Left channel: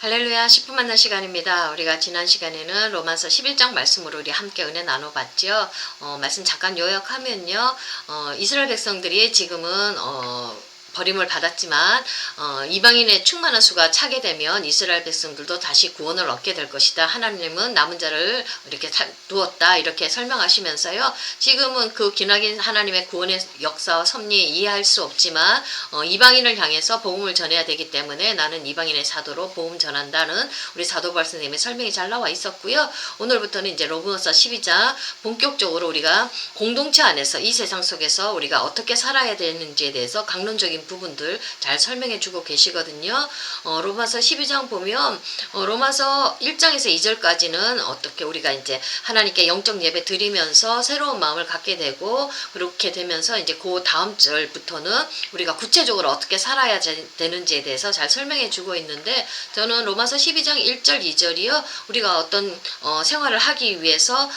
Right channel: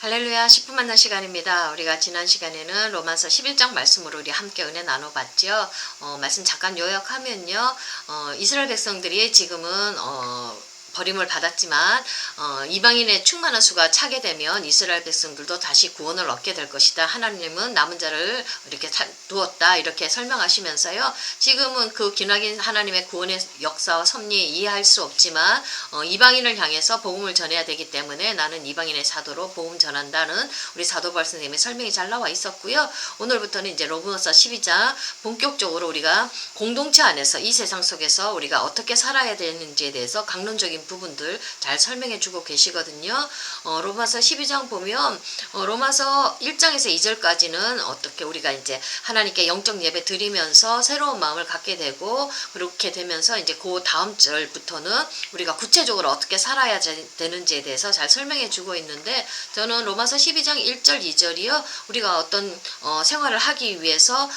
할렐루야 10분 만난 시간입니다. 우리가 지난 시간에는 로마서 11장 말씀으로 우리 함께 은혜 나눠봤죠. 말씀 잠깐 요약하면요. 이스라엘 백성들이 지금은 버림을 받았지만 이방인의 충만한 수가 차게 되면 이스라엘 백성들도 다시 구원을 얻게 될 것이다. 하나님은 남은 자를 이렇게 두었다. 이렇게 설명하시면서요. 지금은 그 기나긴 하나님의 구원의 역사와 섭리 이해할 수 없지만 이방인을 향해서 복음을 전해야 되기 때문에 나는 이방인의 사도로 복음 전한다는 우리 사도 바울 선생님의 설명이 잘 나와 있었고요. 오늘부터는 이제 로마서 12장 본격적으로 우리가 공동체 안에서 이 세상 속에서 우리가 어떻게 살아야 되는지에 대해서 강론적인 부분들 잘 설명해 주고 계시거든요. 로마서 12장 보면 로마서 1장에서 2절까지는 어떻게 우리가 이제 하나님께 영적 예배 드리면서 새로운 마음을 갖게 되고 그렇게 되면서 이제 그 다음 절부터는 우리가 구체적으로 어떻게 살아야 되는지에 대해서 잘 설명해 주고 있는데 저는 로마서 12장 1절 2절이요. 우리가 어떤 생활을 하기 위해서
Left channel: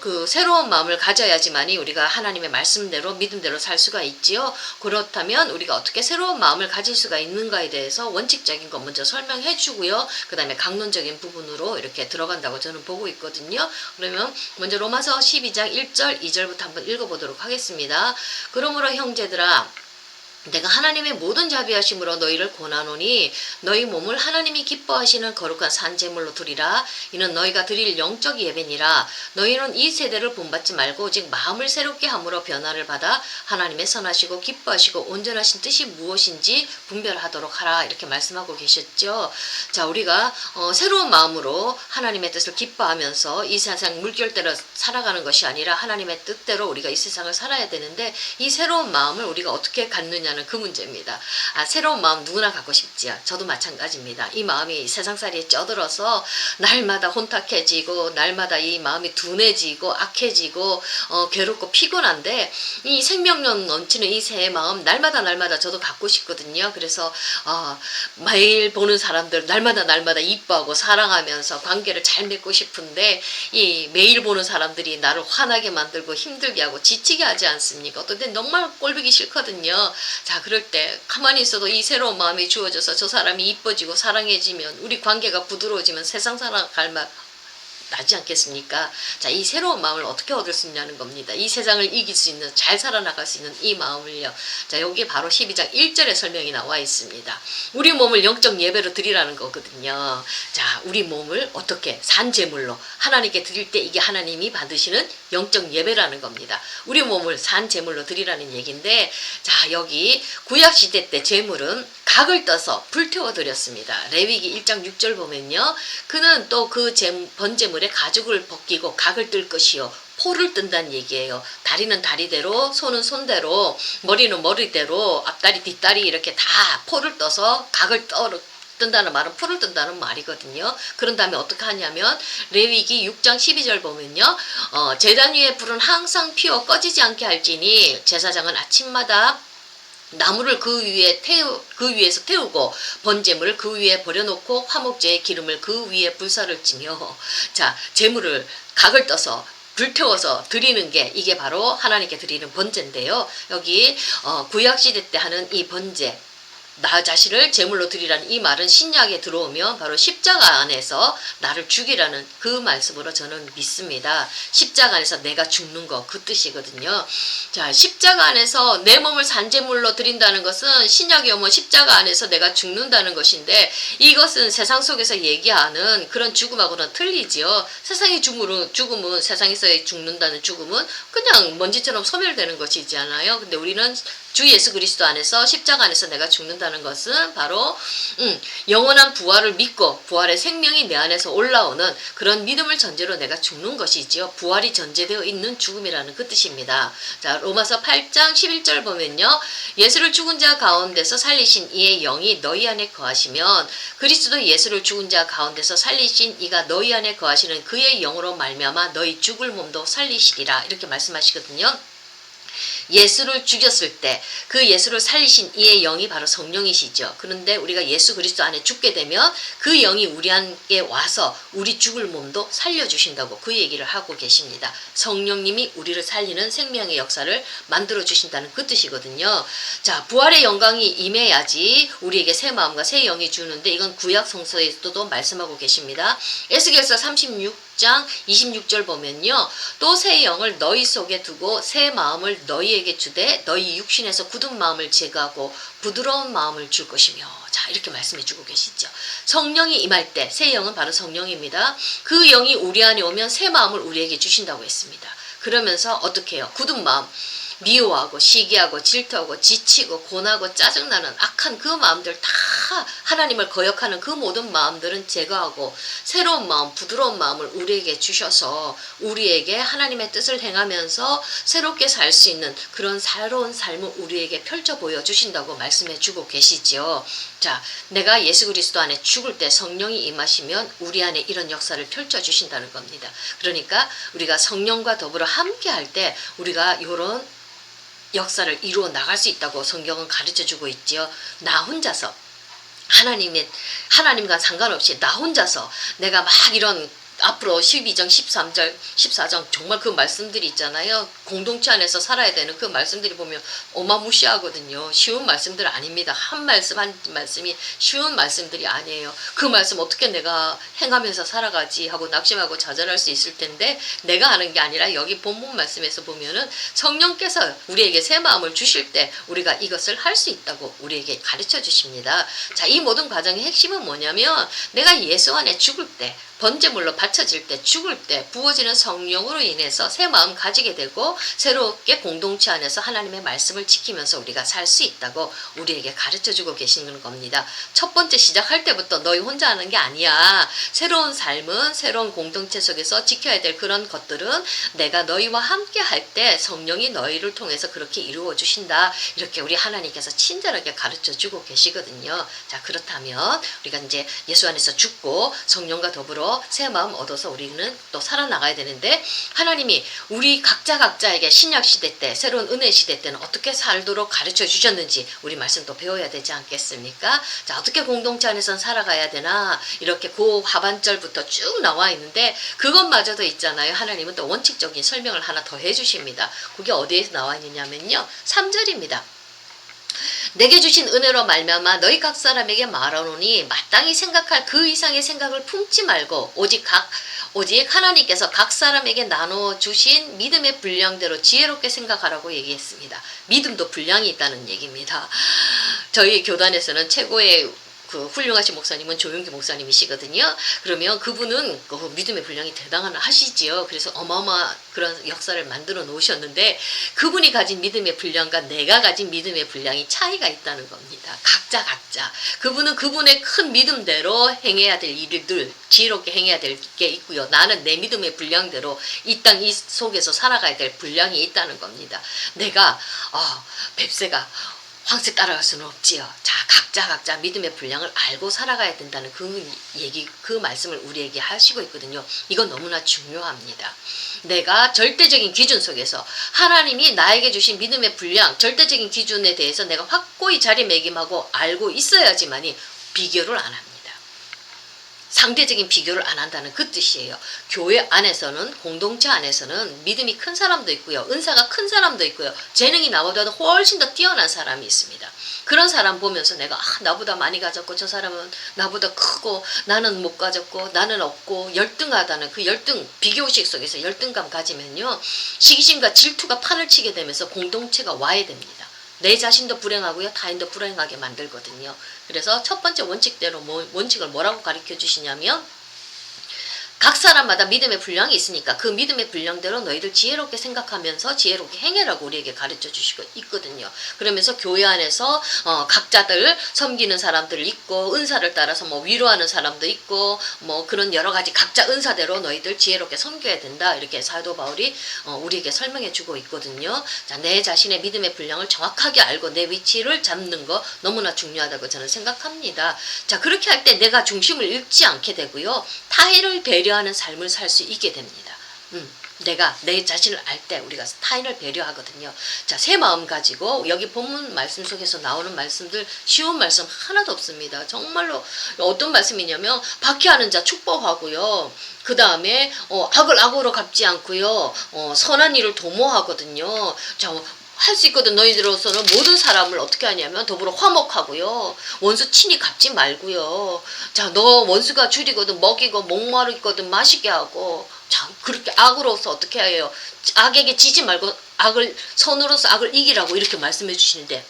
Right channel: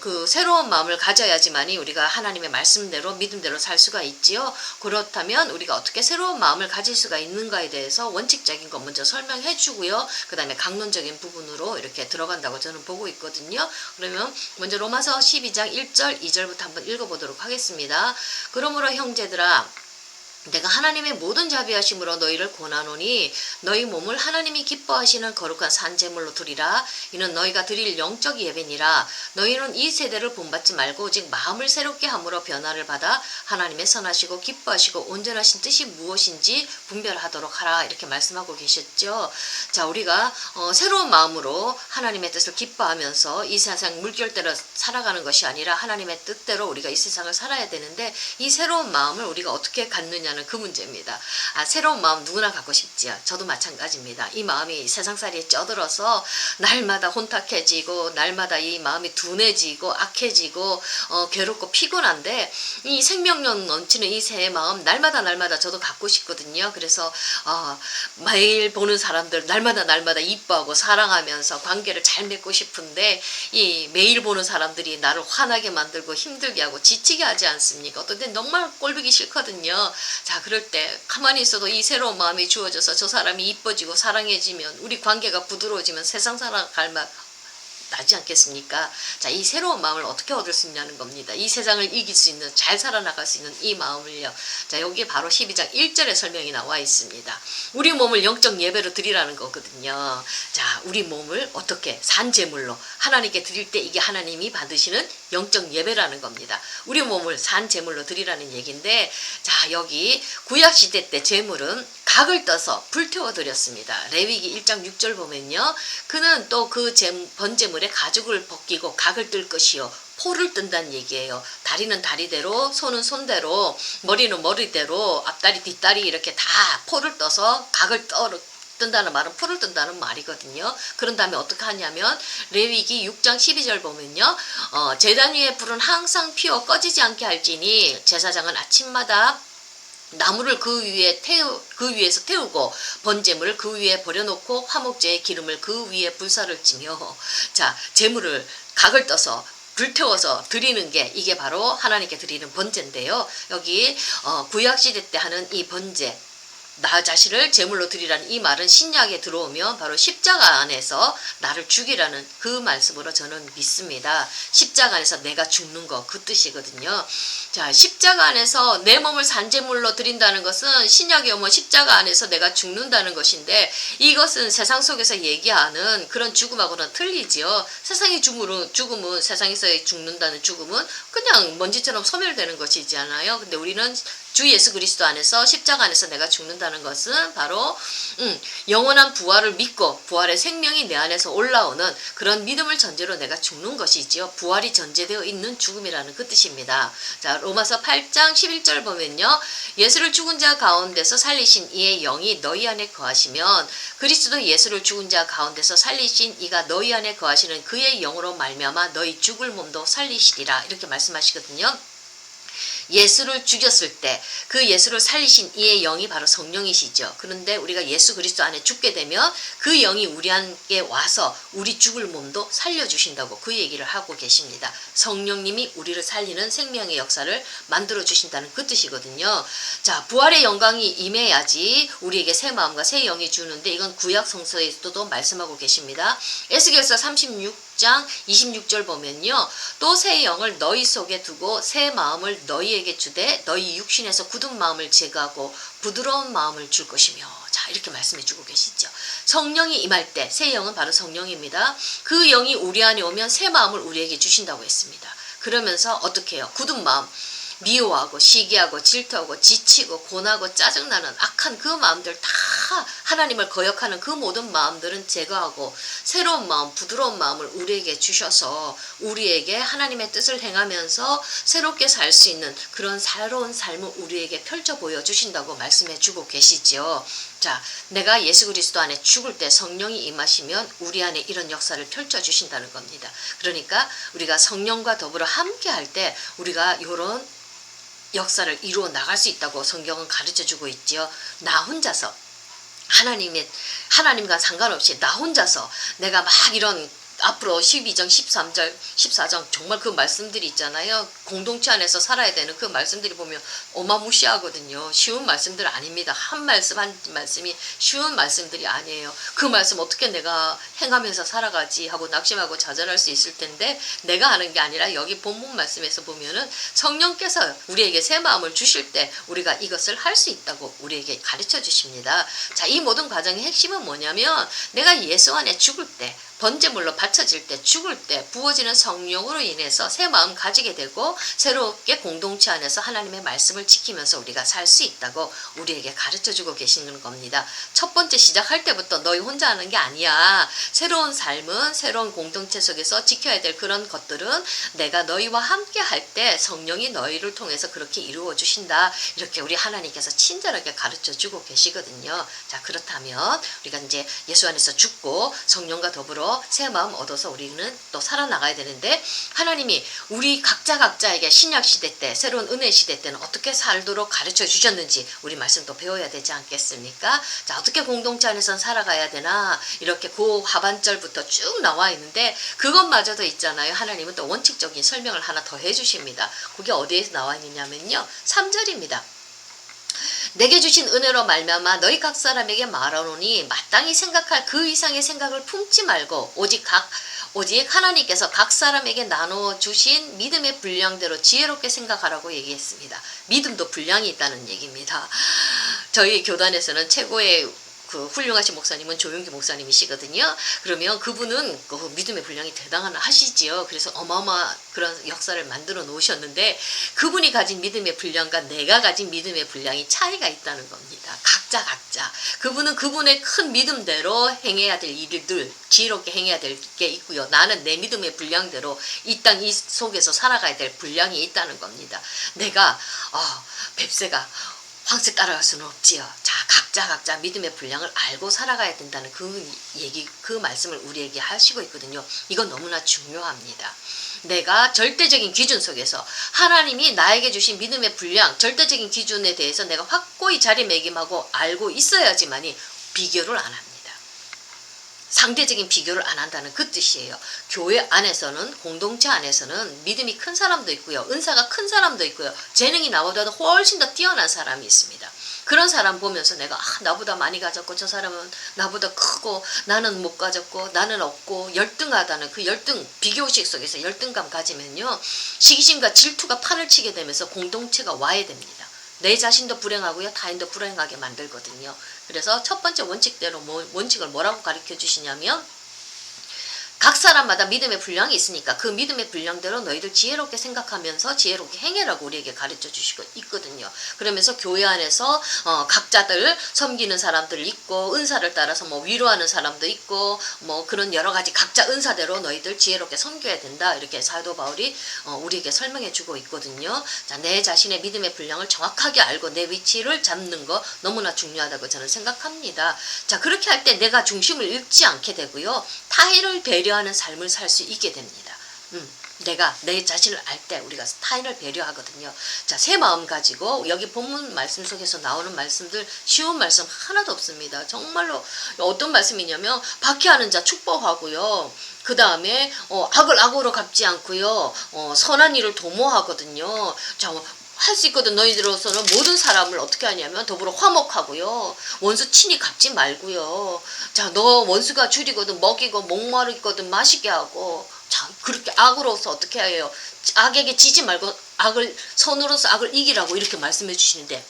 그 새로운 마음을 가져야지만이 우리가 하나님의 말씀대로 믿음대로 살 수가 있지요. 그렇다면 우리가 어떻게 새로운 마음을 가질 수가 있는가에 대해서 원칙적인 것 먼저 설명해 주고요. 그 다음에 강론적인 부분으로 이렇게 들어간다고 저는 보고 있거든요. 그러면 먼저 로마서 12장 1절 2절부터 한번 읽어보도록 하겠습니다. 그러므로 형제들아 내가 하나님의 모든 자비하심으로 너희를 권하노니 너희 몸을 하나님이 기뻐하시는 거룩한 산제물로 드리라. 이는 너희가 드릴 영적 예배니라. 너희는 이 세대를 본받지 말고 오직 마음을 새롭게 함으로 변화를 받아 하나님의 선하시고 기뻐하시고 온전하신 뜻이 무엇인지 분별하도록 하라. 이렇게 말씀하고 계셨죠. 자, 우리가 새로운 마음으로 하나님의 뜻을 기뻐하면서 이 세상 물결대로 살아가는 것이 아니라 하나님의 뜻대로 우리가 이 세상을 살아야 되는데 이 새로운 마음을 우리가 어떻게 갖느냐 그 문제입니다. 새로운 마음 누구나 갖고 싶지요. 저도 마찬가지입니다. 이 마음이 세상살이에 쪄들어서 날마다 혼탁해지고 날마다 이 마음이 둔해지고 악해지고 괴롭고 피곤한데 이 생명력 넘치는 이 새 마음 날마다 저도 갖고 싶거든요. 그래서 매일 보는 사람들 날마다 이뻐하고 사랑하면서 관계를 잘 맺고 싶은데 이 매일 보는 사람들이 나를 화나게 만들고 힘들게 하고 지치게 하지 않습니까? 어떤 때 정말 꼴보기 싫거든요. 자, 그럴 때 가만히 있어도 이 새로운 마음이 주어져서 저 사람이 이뻐지고 사랑해지면 우리 관계가 부드러워지면 세상 살아갈 맛 나지 않겠습니까? 자, 이 새로운 마음을 어떻게 얻을 수 있냐는 겁니다. 이 세상을 이길 수 있는, 잘 살아나갈 수 있는 이 마음을요. 자, 여기 바로 12장 1절의 설명이 나와 있습니다. 우리 몸을 영적 예배로 드리라는 거거든요. 자, 우리 몸을 어떻게 산제물로 하나님께 드릴 때 이게 하나님이 받으시는 영적 예배라는 겁니다. 우리 몸을 산제물로 드리라는 얘기인데, 자, 여기 구약시대 때 제물은 각을 떠서 불태워 드렸습니다. 레위기 1장 6절 보면요. 그는 또 그 번제물에 가죽을 벗기고 각을 뜰 것이요. 포를 뜬다는 얘기예요. 다리는 다리대로, 손은 손대로, 머리는 머리대로, 앞다리 뒷다리 이렇게 다 포를 떠서 각을 뜬다는 말은 풀을 뜬다는 말이거든요. 그런 다음에 어떻게 하냐면 레위기 6장 12절 보면요. 제단 위에 불은 항상 피워 꺼지지 않게 할지니 제사장은 아침마다 나무를 그 위에서 태우고 번제물을 그 위에 버려놓고 화목제의 기름을 그 위에 불사를 찌며 자, 제물을 각을 떠서 불태워서 드리는 게 이게 바로 하나님께 드리는 번제인데요. 여기 구약시대 때 하는 이 번제 나 자신을 제물로 드리라는 이 말은 신약에 들어오면 바로 십자가 안에서 나를 죽이라는 그 말씀으로 저는 믿습니다. 십자가 안에서 내가 죽는 거 그 뜻이거든요. 자, 십자가 안에서 내 몸을 산제물로 드린다는 것은 신약에 오면 십자가 안에서 내가 죽는다는 것인데 이것은 세상 속에서 얘기하는 그런 죽음하고는 틀리지요. 세상의 죽음은 세상에서 죽는다는 죽음은 그냥 먼지처럼 소멸되는 것이잖아요. 근데 우리는 주 예수 그리스도 안에서 십자가 안에서 내가 죽는다는 것은 바로 영원한 부활을 믿고 부활의 생명이 내 안에서 올라오는 그런 믿음을 전제로 내가 죽는 것이지요. 부활이 전제되어 있는 죽음이라는 그 뜻입니다. 자, 로마서 8장 11절 보면요. 예수를 죽은 자 가운데서 살리신 이의 영이 너희 안에 거하시면 그리스도 예수를 죽은 자 가운데서 살리신 이가 너희 안에 거하시는 그의 영으로 말미암아 너희 죽을 몸도 살리시리라. 이렇게 말씀하시거든요. 예수를 죽였을 때 그 예수를 살리신 이의 영이 바로 성령이시죠. 그런데 우리가 예수 그리스도 안에 죽게 되면 그 영이 우리 안에 와서 우리 죽을 몸도 살려주신다고 그 얘기를 하고 계십니다. 성령님이 우리를 살리는 생명의 역사를 만들어 주신다는 그 뜻이거든요. 자, 부활의 영광이 임해야지 우리에게 새 마음과 새 영이 주는데 이건 구약 성서에서도 말씀하고 계십니다. 에스겔서 36장 26절 보면요. 또 새 영을 너희 속에 두고 새 마음을 너희에게 주되 너희 육신에서 굳은 마음을 제거하고 부드러운 마음을 줄 것이며. 자, 이렇게 말씀해 주고 계시죠. 성령이 임할 때 새 영은 바로 성령입니다. 그 영이 우리 안에 오면 새 마음을 우리에게 주신다고 했습니다. 그러면서 어떻게 해요? 굳은 마음. 미워하고 시기하고 질투하고 지치고 고나고 짜증나는 악한 그 마음들 다 하나님을 거역하는 그 모든 마음들은 제거하고 새로운 마음, 부드러운 마음을 우리에게 주셔서 우리에게 하나님의 뜻을 행하면서 새롭게 살 수 있는 그런 새로운 삶을 우리에게 펼쳐 보여주신다고 말씀해 주고 계시죠. 자, 내가 예수 그리스도 안에 죽을 때 성령이 임하시면 우리 안에 이런 역사를 펼쳐주신다는 겁니다. 그러니까 우리가 성령과 더불어 함께 할 때 우리가 이런 역사를 이루어 나갈 수 있다고 성경은 가르쳐주고 있지요. 나 혼자서 하나님과 상관없이 나 혼자서 내가 막 이런 앞으로 12장, 13절, 14장 정말 그 말씀들이 있잖아요. 공동체 안에서 살아야 되는 그 말씀들이 보면 어마무시하거든요. 쉬운 말씀들 아닙니다. 한 말씀이 쉬운 말씀들이 아니에요. 그 말씀 어떻게 내가 행하면서 살아가지 하고 낙심하고 좌절할 수 있을 텐데 내가 하는 게 아니라 여기 본문 말씀에서 보면은 성령께서 우리에게 새 마음을 주실 때 우리가 이것을 할 수 있다고 우리에게 가르쳐 주십니다. 자, 이 모든 과정의 핵심은 뭐냐면 내가 예수 안에 죽을 때 번제물로 바쳐질 때 죽을 때 부어지는 성령으로 인해서 새 마음 가지게 되고 새롭게 공동체 안에서 하나님의 말씀을 지키면서 우리가 살 수 있다고 우리에게 가르쳐주고 계시는 겁니다. 첫 번째 시작할 때부터 너희 혼자 하는 게 아니야. 새로운 삶은 새로운 공동체 속에서 지켜야 될 그런 것들은 내가 너희와 함께 할 때 성령이 너희를 통해서 그렇게 이루어 주신다. 이렇게 우리 하나님께서 친절하게 가르쳐주고 계시거든요. 자, 그렇다면 우리가 이제 예수 안에서 죽고 성령과 더불어 새 마음 얻어서 우리는 또 살아나가야 되는데 하나님이 우리 각자에게 신약 시대 때 새로운 은혜 시대 때는 어떻게 살도록 가르쳐 주셨는지 우리 말씀도 배워야 되지 않겠습니까? 자, 어떻게 공동체 안에서 살아가야 되나 이렇게 그 하반절부터 쭉 나와 있는데 그것마저도 있잖아요. 하나님은 또 원칙적인 설명을 하나 더 해주십니다. 그게 어디에서 나와 있느냐면요. 3절입니다. 내게 주신 은혜로 말미암아 너희 각 사람에게 말하노니 마땅히 생각할 그 이상의 생각을 품지 말고 오직 하나님께서 각 사람에게 나누어 주신 믿음의 분량대로 지혜롭게 생각하라고 얘기했습니다. 믿음도 분량이 있다는 얘기입니다. 저희 교단에서는 최고의 그 훌륭하신 목사님은 조용기 목사님이시거든요. 그러면 그분은 그 믿음의 분량이 대단하시지요. 그래서 어마어마한 그런 역사를 만들어 놓으셨는데 그분이 가진 믿음의 분량과 내가 가진 믿음의 분량이 차이가 있다는 겁니다. 각자. 그분은 그분의 큰 믿음대로 행해야 될 일들 지혜롭게 행해야 될 게 있고요. 나는 내 믿음의 분량대로 이 땅 이 속에서 살아가야 될 분량이 있다는 겁니다. 내가 뱁새가 황새 따라갈 수는 없지요. 자, 각자 믿음의 분량을 알고 살아가야 된다는 그 말씀을 우리에게 하시고 있거든요. 이건 너무나 중요합니다. 내가 절대적인 기준 속에서 하나님이 나에게 주신 믿음의 분량, 절대적인 기준에 대해서 내가 확고히 자리매김하고 알고 있어야지만이 비교를 안 합니다. 상대적인 비교를 안 한다는 그 뜻이에요. 교회 안에서는 공동체 안에서는 믿음이 큰 사람도 있고요. 은사가 큰 사람도 있고요. 재능이 나보다도 훨씬 더 뛰어난 사람이 있습니다. 그런 사람 보면서 내가 나보다 많이 가졌고 저 사람은 나보다 크고 나는 못 가졌고 나는 없고 열등하다는 그 열등 비교식 속에서 열등감 가지면요. 시기심과 질투가 판을 치게 되면서 공동체가 와야 됩니다. 내 자신도 불행하고요. 타인도 불행하게 만들거든요. 그래서 첫 번째 원칙대로 원칙을 뭐라고 가르쳐 주시냐면 각 사람마다 믿음의 분량이 있으니까 그 믿음의 분량대로 너희들 지혜롭게 생각하면서 지혜롭게 행해라고 우리에게 가르쳐 주시고 있거든요. 그러면서 교회 안에서 각자들 섬기는 사람들 있고 은사를 따라서 위로하는 사람도 있고 그런 여러 가지 각자 은사대로 너희들 지혜롭게 섬겨야 된다. 이렇게 사도 바울이 우리에게 설명해 주고 있거든요. 자, 내 자신의 믿음의 분량을 정확하게 알고 내 위치를 잡는 거 너무나 중요하다고 저는 생각합니다. 자, 그렇게 할 때 내가 중심을 잃지 않게 되고요. 타인을 배려하는 삶을 살 수 있게 됩니다. 내가 내 자신을 알 때 우리가 타인을 배려하거든요. 자, 새 마음 가지고 여기 본문 말씀 속에서 나오는 말씀들 쉬운 말씀 하나도 없습니다. 정말로 어떤 말씀이냐면 박해하는 자 축복하고요. 그 다음에 악을 악으로 갚지 않고요. 선한 일을 도모하거든요. 자, 할 수 있거든. 너희들로서는 모든 사람을 어떻게 하냐면 더불어 화목하고요. 원수 친히 갚지 말고요. 자, 너 원수가 줄이거든 먹이고 목마르거든 마시게 하고. 자, 그렇게 악으로서 어떻게 해요? 악에게 지지 말고 악을 선으로서 악을 이기라고 이렇게 말씀해 주시는데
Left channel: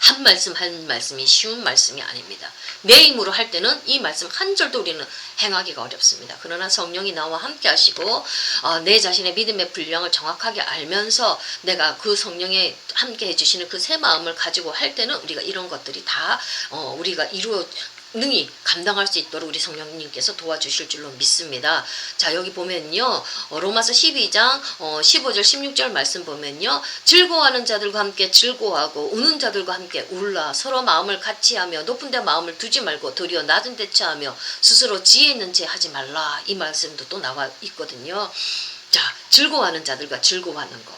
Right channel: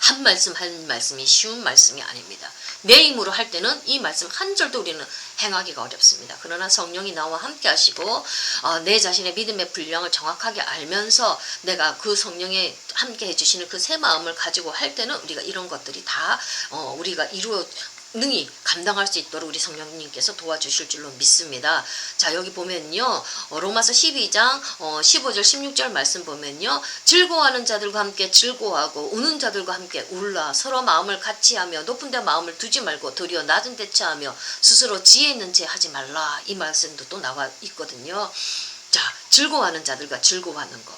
한 말씀이 쉬운 말씀이 아닙니다. 내 힘으로 할 때는 이 말씀 한 절도 우리는 행하기가 어렵습니다. 그러나 성령이 나와 함께 하시고 내 자신의 믿음의 분량을 정확하게 알면서 내가 그 성령에 함께 해주시는 그 새 마음을 가지고 할 때는 우리가 이런 것들이 다 우리가 능히 감당할 수 있도록 우리 성령님께서 도와주실 줄로 믿습니다. 자, 여기 보면요. 로마서 12장 15절 16절 말씀 보면요. 즐거워하는 자들과 함께 즐거워하고 우는 자들과 함께 울라. 서로 마음을 같이 하며 높은 데 마음을 두지 말고 도리어 낮은 데 처하며 스스로 지혜 있는 채 하지 말라. 이 말씀도 또 나와 있거든요. 자, 즐거워하는 자들과 즐거워하는 거.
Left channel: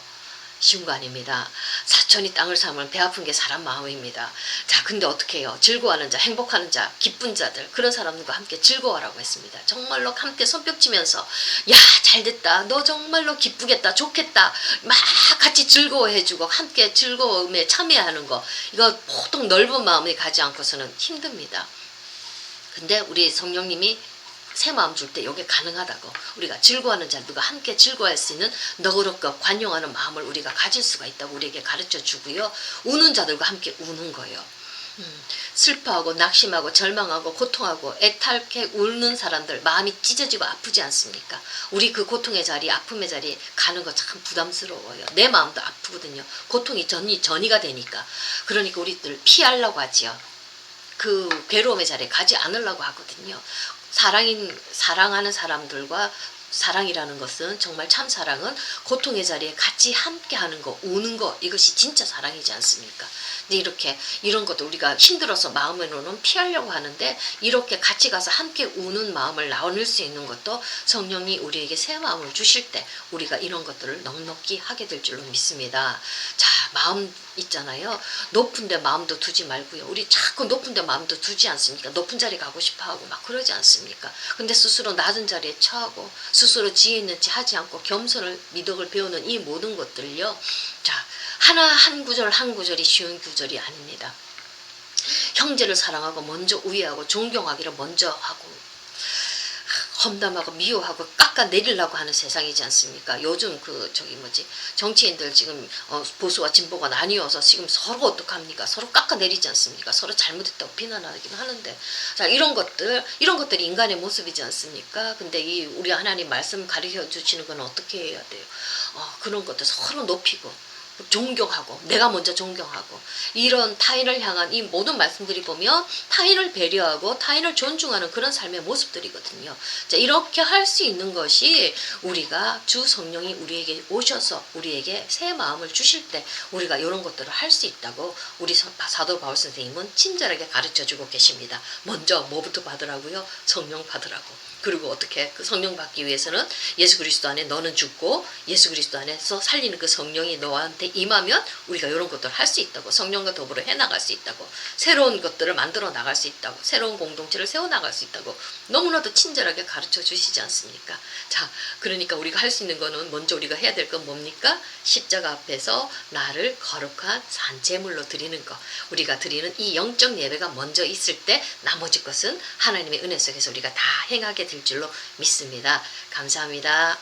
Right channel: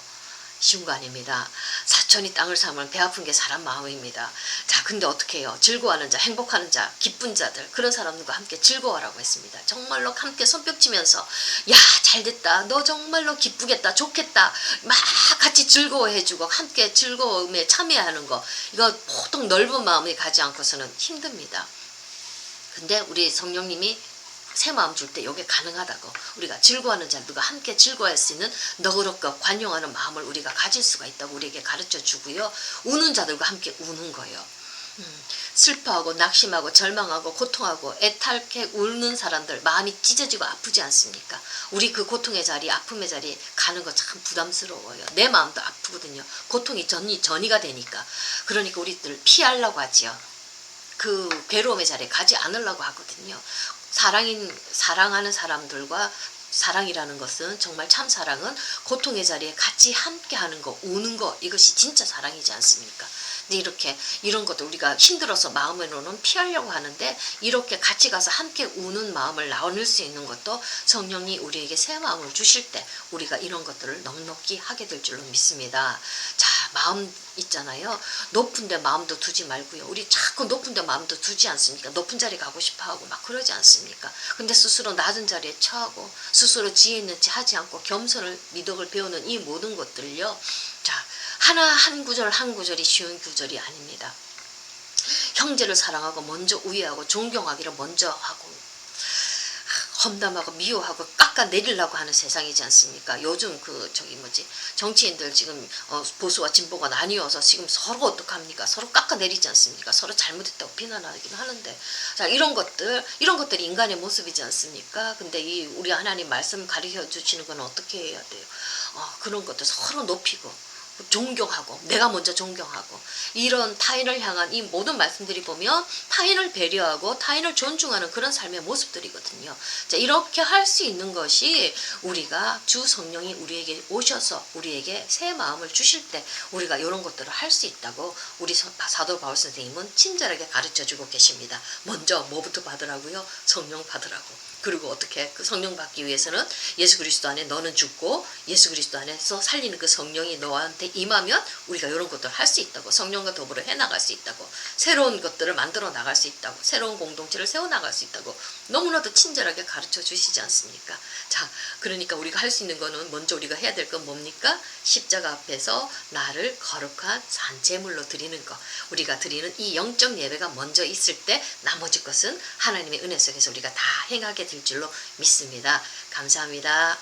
쉬운 거 아닙니다. 사촌이 땅을 사면 배 아픈 게 사람 마음입니다. 자, 근데 어떻게 해요? 즐거워하는 자, 행복하는 자, 기쁜 자들, 그런 사람들과 함께 즐거워하라고 했습니다. 정말로 함께 손뼉치면서 야, 잘됐다. 너 정말로 기쁘겠다. 좋겠다. 막 같이 즐거워해주고 함께 즐거움에 참여하는 거. 이거 보통 넓은 마음이 가지 않고서는 힘듭니다. 근데 우리 성령님이 새 마음 줄 때 이게 가능하다고. 우리가 즐거워하는 자들과 함께 즐거워할 수 있는 너그럽고 관용하는 마음을 우리가 가질 수가 있다고 우리에게 가르쳐 주고요. 우는 자들과 함께 우는 거예요. 슬퍼하고 낙심하고 절망하고 고통하고 애타게 울는 사람들 마음이 찢어지고 아프지 않습니까? 우리 그 고통의 자리, 아픔의 자리에 가는 거 참 부담스러워요. 내 마음도 아프거든요. 고통이 전이가 되니까. 그러니까 우리들 피하려고 하지요. 그 괴로움의 자리에 가지 않으려고 하거든요. 사랑하는 사람들과 사랑이라는 것은 정말 참 사랑은 고통의 자리에 같이 함께 하는 거, 우는 거, 이것이 진짜 사랑이지 않습니까? 근데 이렇게 이런 것도 우리가 힘들어서 마음으로는 피하려고 하는데 이렇게 같이 가서 함께 우는 마음을 나눌 수 있는 것도 성령이 우리에게 새 마음을 주실 때 우리가 이런 것들을 넉넉히 하게 될 줄로 믿습니다. 자, 마음 있잖아요. 높은 데 마음도 두지 말고요. 우리 자꾸 높은 데 마음도 두지 않습니까? 높은 자리 가고 싶어 하고 막 그러지 않습니까? 근데 스스로 낮은 자리에 처하고 스스로 지혜 있는 채 하지 않고 겸손을 미덕을 배우는 이 모든 것들요. 자, 한 구절 한 구절이 쉬운 구절이 아닙니다. 형제를 사랑하고 먼저 우애하고 존경하기를 먼저 하고 험담하고 미워하고 깎아내리려고 하는 세상이지 않습니까? 요즘 정치인들 지금 보수와 진보가 나뉘어서 지금 서로 어떡합니까? 서로 깎아내리지 않습니까? 서로 잘못했다고 비난하긴 하는데, 자, 이런 것들이 인간의 모습이지 않습니까? 근데 우리 하나님 말씀 가르쳐 주시는 건 어떻게 해야 돼요? 그런 것들 서로 높이고 존경하고 내가 먼저 존경하고 이런 타인을 향한 이 모든 말씀들이 보면 타인을 배려하고 타인을 존중하는 그런 삶의 모습들이거든요. 자, 이렇게 할 수 있는 것이 우리가 주 성령이 우리에게 오셔서 우리에게 새 마음을 주실 때 우리가 이런 것들을 할 수 있다고 우리 사도 바울 선생님은 친절하게 가르쳐주고 계십니다. 먼저 뭐부터 받으라고요? 성령 받으라고. 그리고 어떻게 그 성령 받기 위해서는 예수 그리스도 안에 너는 죽고 예수 그리스도 안에서 살리는 그 성령이 너한테 임하면 우리가 이런 것들을 할 수 있다고, 성령과 더불어 해나갈 수 있다고, 새로운 것들을 만들어 나갈 수 있다고, 새로운 공동체를 세워나갈 수 있다고 너무나도 친절하게 가르쳐 주시지 않습니까? 자, 그러니까 우리가 할 수 있는 거는 먼저 우리가 해야 될 건 뭡니까? 십자가 앞에서 나를 거룩한 산제물로 드리는 거. 우리가 드리는 이 영적 예배가 먼저 있을 때 나머지 것은 하나님의 은혜 속에서 우리가 다 행하게 될 줄로 믿습니다. 감사합니다.